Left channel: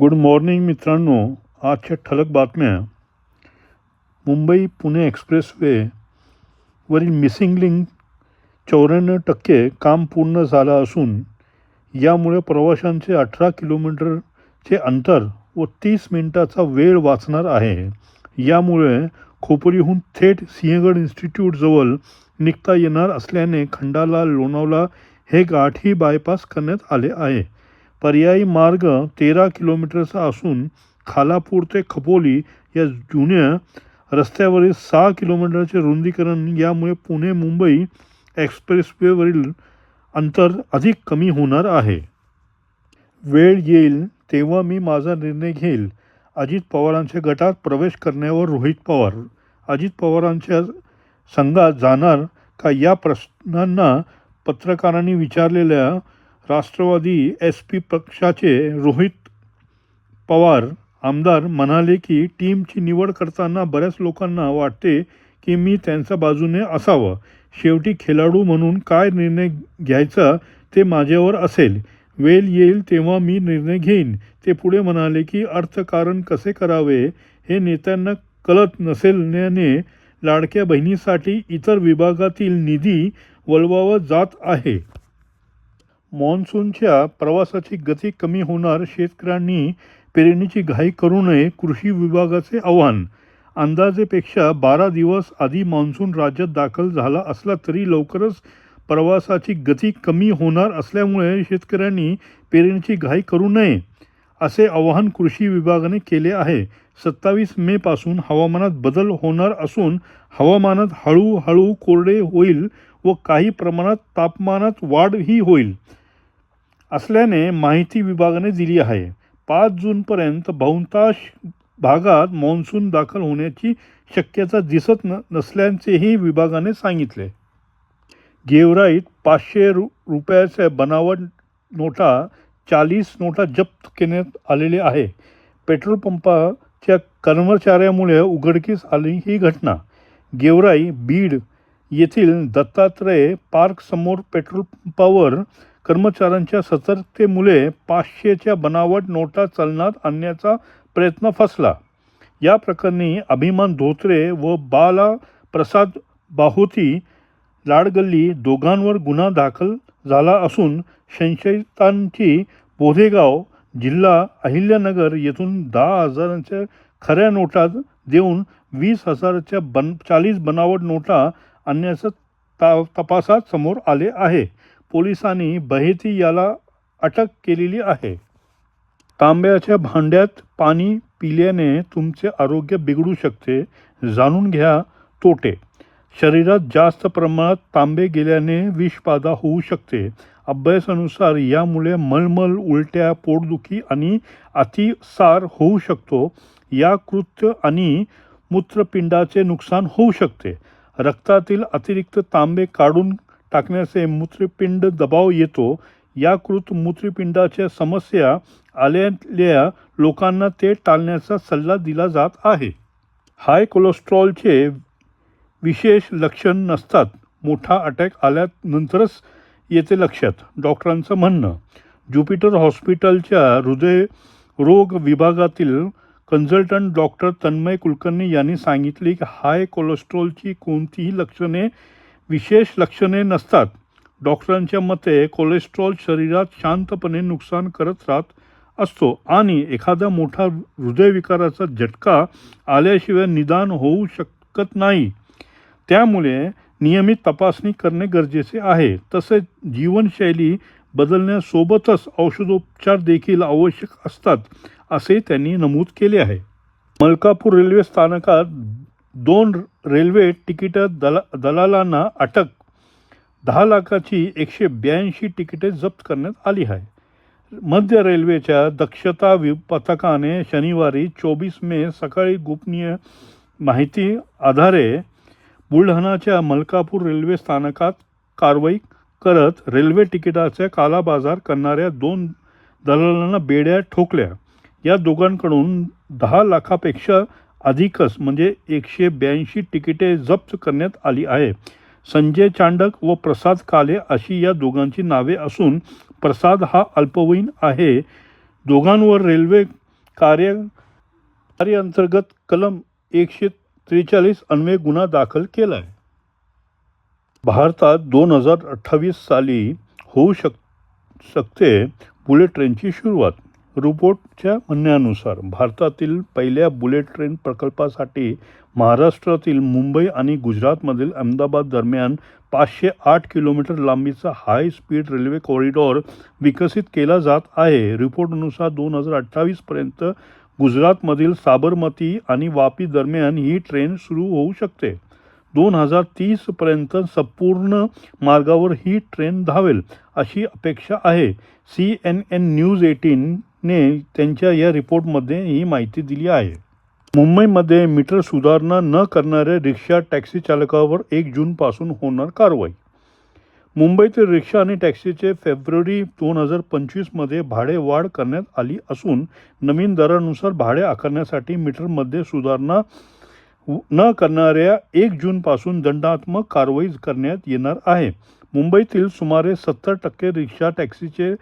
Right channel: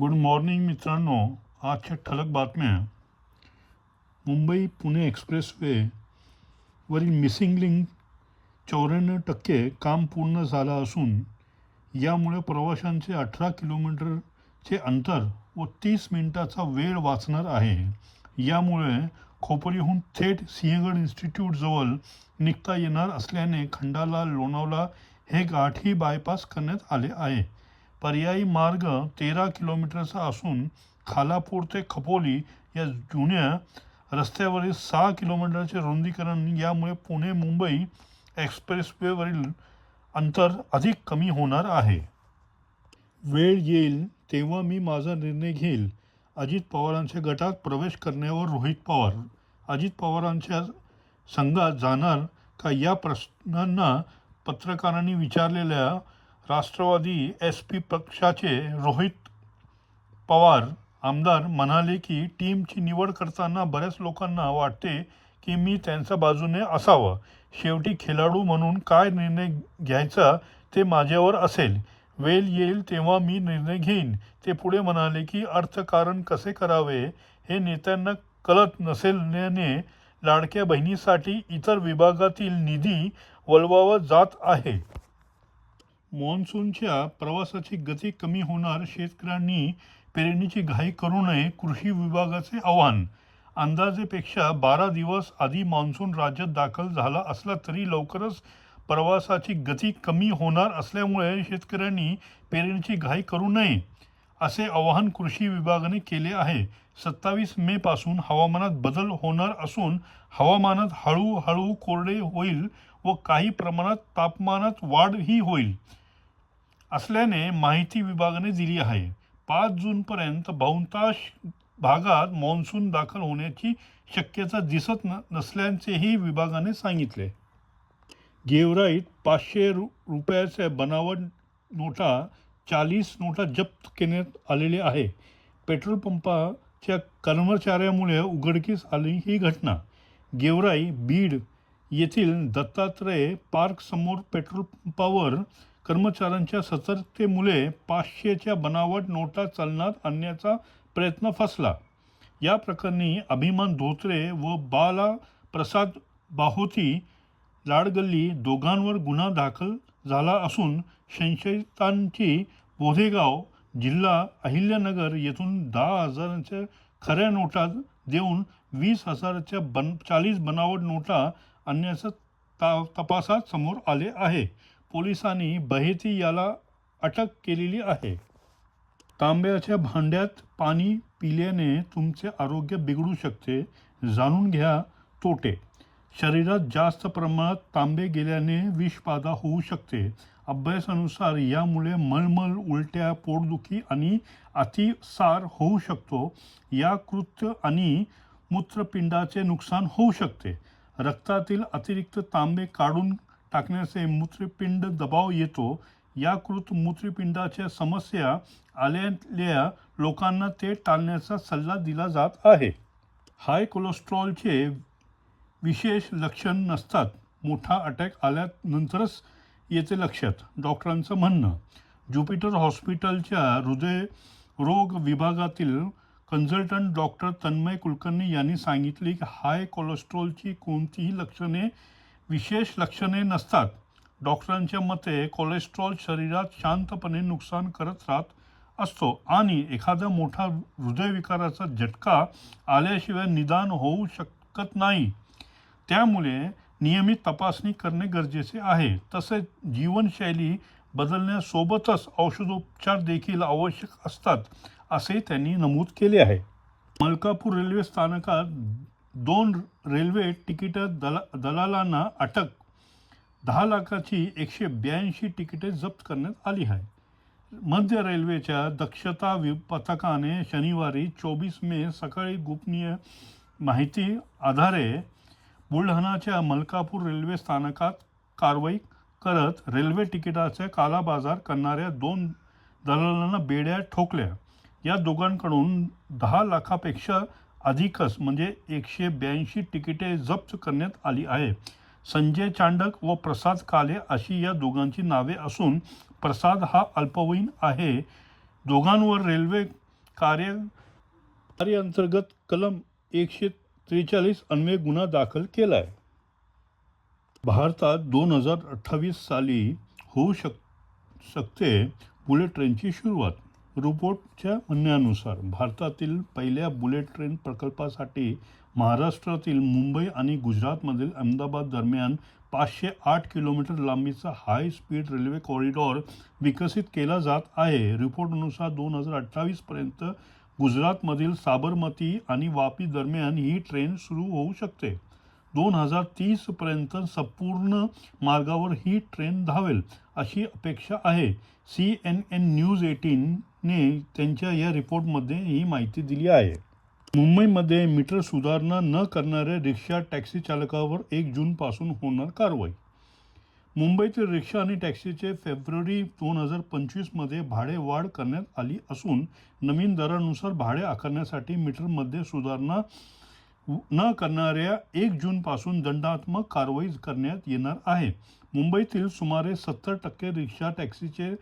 Good morning मित्रांनो. आजच्या ठळक बातम्या. मुंबई पुणे एक्सप्रेसवे वरील मिसिंग लिंक 94% काम पूर्ण झालं असून यामुळे प्रवाशांचे 18 किलोमीटरचे अंतर व 30 मिनिटाचा वेळ वाचणार आहे. यामुळे खोपोलीहून थेट सिंहगड इन्स्टिट्यूटजवळ निघता येणार असल्याने खंडाला लोणावळा हे गाठी बायपास करण्यात आले आहे. पर्यायी मार्ग 13 किलोमीटरचा असून खालापूर ते खोपोली या जुन्या रस्त्यावरील 6 किलोमीटरचे रुंदीकरण यामुळे पुणे मुंबई एक्सप्रेसवेवरील अंतर अधिक कमी होणार आहे. वेळ येईल तेव्हा मी माझा निर्णय घेईल. अजित पवारांच्या गटात प्रवेश करण्यावर रोहित पवार. अजित पवारांच्या संघात जाणार का या प्रश्नांना पत्रकारांनी विचारलेल्या राष्ट्रवादी SP पक्षाचे रोहित पवार आमदार म्हणाले की टीमची निवड करताना बऱ्याच लोकांना वाटते की मी त्यांच्या बाजूने असावं. शेवटी खेळाडू म्हणून काय निर्णय घ्यायचा ते माझ्यावर असेल. वेळ येईल तेव्हा मी निर्णय घेईन. ते पुढे म्हणाले की अर्थकारण कसे करावे हे नेत्यांना कळत नसल्याने लाडक्या बहिणीसाठी इतर विभागातील निधी वळवावा जात आहे. मॉन्सूनच्या प्रवासाची गती कमी होणार. शेतकऱ्यांनी पेरणीची घाई करू नये, कृषी विभागाचे आवाहन. अंदाजेपेक्षा 12 दिवस आधी मान्सून राज्यात दाखल झाला असला तरी लवकरच प्रवासाची गती कमी होणार असल्यामुळे शेतकऱ्यांनी पेरणीची घाई करू नये असे आवाहन कृषी विभागाने केले आहे. 27 मे पासून हवामानात बदल होणार असून हवामानात हळूहळू कोरडे होईल व काही प्रमाणात तापमानात वाढही होईल असल्याने माहिती विभागाने दिली आहे. 5 जूनपर्यंत बहुतांश भागात मान्सून दाखल होण्याची शक्यता दिसत नसल्याचेही विभागाने सांगितले. गेवराईत 500 रुपयाच्या बनावट नोटा 40 नोटा जप्त करण्यात आलेले आहे. पेट्रोल पंपाच्या कर्मचाऱ्यामुळे उघडकीस आली ही घटना. गेवराई बीड येथील दत्तात्रय पार्क समोर पेट्रोल पंपावर कर्मचाऱ्यांच्या सतर्कतेमुळे 500च्या बनावट नोटा चलनात आणण्याचा प्रयत्न फसला. या प्रकरणी अभिमान धोत्रे व बाला प्रसाद बाहोती लाडगल्ली दोघांवर गुन्हा दाखल झाला असून संशयितांची बोधेगाव जिल्हा अहिल्यानगर येथून 10,000च्या खऱ्या नोटा देऊन 20,000च्या 40 बनावट नोटा आणण्याचं तपासात समोर आले आहे. पोलिसांनी बहेती याला अटक केलेली आहे. तांब्याच्या भांड्यात पाणी पिल्याने तुमचे आरोग्य बिघडू शकते. जाणून घ्या तोटे. शरीरात जास्त प्रमाणात तांबे गेल्याने विषबाधा होऊ शकते. अभ्यासानुसार यामुळे मळमळ, उलट्या, पोटदुखी आणि अतिसार होऊ शकतो. यकृत आणि मूत्रपिंडाचे नुकसान होऊ शकते. रक्तातील अतिरिक्त तांबे काढून टाकण्याचे मूत्रपिंड दबाव येतो. यकृत मूत्रपिंडाच्या समस्या आलेल्या लोकांना ते टाळण्याचा सल्ला दिला जात आहे. हाय कोलेस्ट्रॉलचे विशेष लक्षण नसतात. मोठा अटॅक आल्यानंतरच येते लक्षात, डॉक्टरांचं म्हणणं. ज्युपिटर हॉस्पिटलच्या हृदयरोग विभागातील कन्सल्टंट डॉक्टर तन्मय कुलकर्णी यांनी सांगितले की हाय कोलेस्ट्रॉलची कोणतीही विशेष लक्षणे नसतात. डॉक्टरांच्या मते कोलेस्ट्रॉल शरीरात शांतपणे नुकसान करत राहत असतो आणि एखादा मोठा हृदयविकाराचा झटका आल्याशिवाय निदान होऊ शकत नाही. त्यामुळे नियमित तपासणी करणे गरजेचे आहे. तसेच जीवनशैली बदलण्यासोबतच औषधोपचार देखील आवश्यक असतात असे त्यांनी नमूद केले आहे. मलकापूर रेल्वे स्थानकात 2 रेल्वे तिकीट दलालांना अटक. 10 लाखाची 182 तिकिटे जप्त करण्यात आली आहे. मध्य रेल्वेच्या दक्षता पथकाने शनिवारी 24 मे सकाळी गोपनीय माहिती आधारे बुलढाणाच्या मलकापूर रेल्वे स्थानकात कारवाई करत रेल्वे तिकिटाचा कालाबाजार करणाऱ्या 2 दलालांना बेड्या ठोकल्या. या दोघांकडून 10 लाखापेक्षा अधिकच म्हणजे 182 तिकिटे जप्त करण्यात आली आहे. संजय चांडक व प्रसाद काले अशी या दोघांची नावे असून प्रसाद हा अल्पवयीन आहे. दोघांवर रेल्वे कार्याअंतर्गत कलम 143 अन्वये गुन्हा दाखल केला आहे. भारतात 2028 साली होऊ शकते बुलेट ट्रेनची सुरुवात. रिपोर्टच्या म्हणण्यानुसार भारतातील पहिल्या बुलेट ट्रेन प्रकल्पासाठी महाराष्ट्रातील मुंबई आणि गुजरातमधील अहमदाबाद दरम्यान 508 किलोमीटर लांबीचा हाय स्पीड रेल्वे कॉरिडॉर विकसित केला जात आहे. रिपोर्टनुसार 2028 पर्यंत गुजरातमधील साबरमती आणि वापी दरम्यान ही ट्रेन सुरू होऊ शकते. 2030 पर्यंत संपूर्ण मार्गावर ही ट्रेन धावेल अशी अपेक्षा आहे. CNN न्यूज 18 ने त्यांच्या या रिपोर्टमध्ये ही माहिती दिली आहे. मुंबईमध्ये मीटर सुधारणा न करणाऱ्या रिक्षा टॅक्सी चालकावर 1 जूनपासून होणार कारवाई. मुंबईतील रिक्षा आणि टॅक्सीचे फेब्रुवारी 2025 भाडे वाढ करण्यात आली असून नवीन दरानुसार भाडे आकारण्यासाठी मीटरमध्ये सुधारणा न करणाऱ्या 1 जूनपासून दंडात्मक कारवाई करण्यात येणार आहे. मुंबईतील सुमारे 70% रिक्षा टॅक्सीचे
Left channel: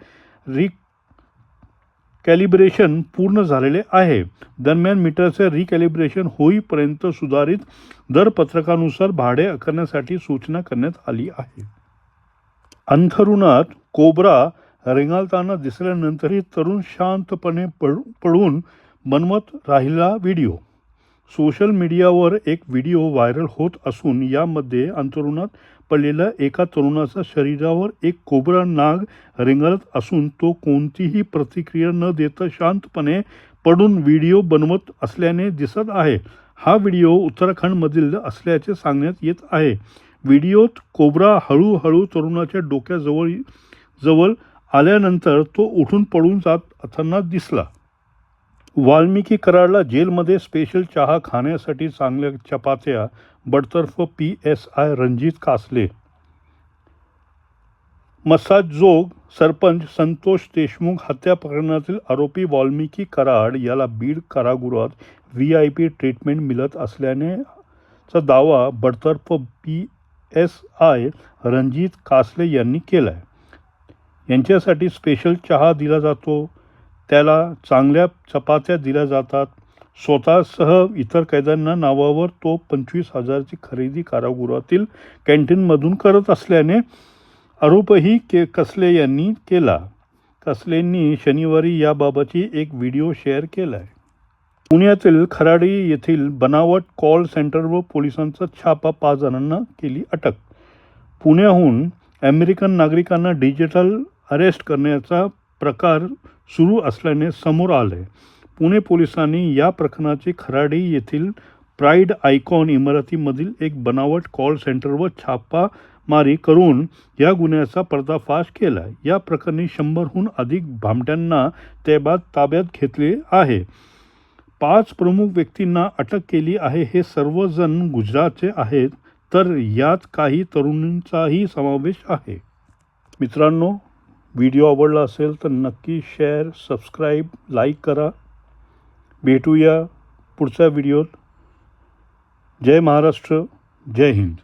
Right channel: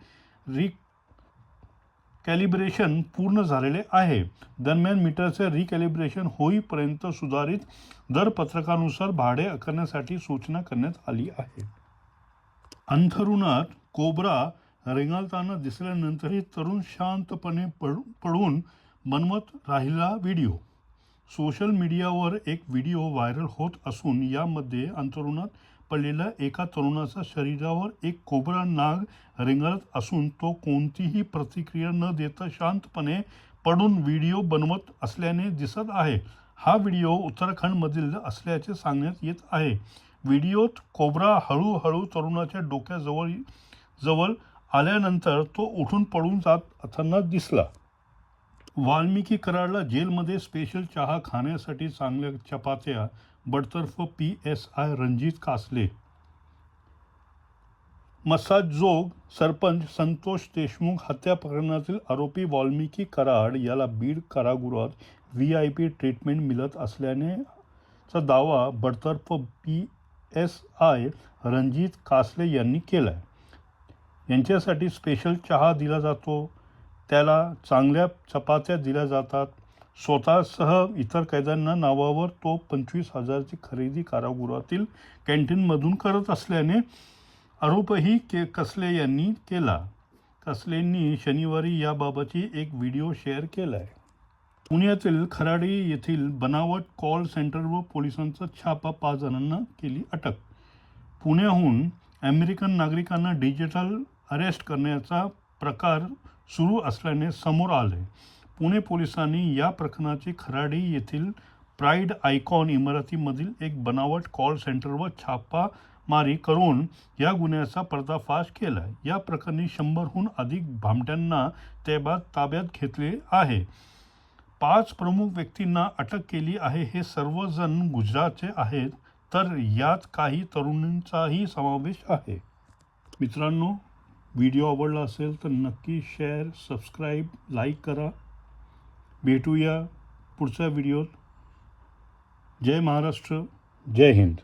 रिकॅलिब्रेशन पूर्ण झालेले आहे. दरम्यान मीटरचे रिकॅलिब्रेशन होईपर्यंत सुधारित दरपत्रकानुसार भाडे आकारण्यासाठी सूचना करण्यात आली आहे. अंथरुणात कोब्रा रेंगाळताना दिसल्यानंतरही तरुण शांतपणे पडून बनवत राहिला व्हिडिओ. सोशल मीडियावर एक व्हिडिओ व्हायरल होत असून यामध्ये अंथरुणात पडलेल्या एका तरुणाच्या शरीरावर एक कोब्रा नाग रेंगाळत असून तो कोणतीही प्रतिक्रिया न देता शांतपणे पडून व्हिडिओ बनवत असल्याने दिसत आहे. हा व्हिडिओ उत्तराखंडमधील असल्याचे सांगण्यात येत आहे. व्हिडिओत कोब्रा हळूहळू तरुणाच्या डोक्याजवळ आल्यानंतर तो उठून पडून जात असताना दिसला. वाल्मिकी कराडला जेलमध्ये स्पेशल चहा खाण्यासाठी चांगल्या चपात्या बडतर्फ PSI रणजित कासले. मसाजोग सरपंच संतोष देशमुख हत्या प्रकरणातील आरोपी वाल्मिकी कराड याला बीड कारागृहात VIP ट्रीटमेंट मिळत असल्याचा दावा बडतर्फ PSI रणजित कासले यांनी केला आहे. यांच्यासाठी स्पेशल चहा दिला जातो, त्याला चांगल्या चपात्या दिल्या जातात. स्वतःसह इतर कैद्यांना नावावर तो 25,000ची खरेदी कारागृहातील कॅन्टीनमधून करत असल्याने आरोपही कसले यांनी केला. कसलेंनी शनिवारी याबाबतची एक व्हिडिओ शेअर केला आहे. पुण्यातील खराडी येथील बनावट कॉल सेंटरवर पोलिसांचा छापा, 5 जणांना केली अटक. पुण्याहून अमेरिकन नागरिकांना डिजिटल अरेस्ट करण्याचा प्रकार सुरू असल्याने समोर आले. पुणे पोलिसांनी या प्रकरणाची खराडी येथील प्राईड आयकॉन इमारतीमधील एक बनावट कॉल सेंटरवर छापामारी करून या गुन्ह्याचा पर्दाफाश केला. या प्रकरणी 100हून अधिक भामट्यांना ताब्यात घेतले आहे. 5 प्रमुख व्यक्तींना अटक केली आहे. हे सर्वजण गुजरातचे आहेत, तर यात काही तरुणांचाही समावेश आहे. मित्रांनो, व्हिडिओ आवडला असेल तर नक्की शेअर, सबस्क्राईब, लाईक करा. भेटूया पुढच्या व्हिडिओत. जय महाराष्ट्र, जय हिंद.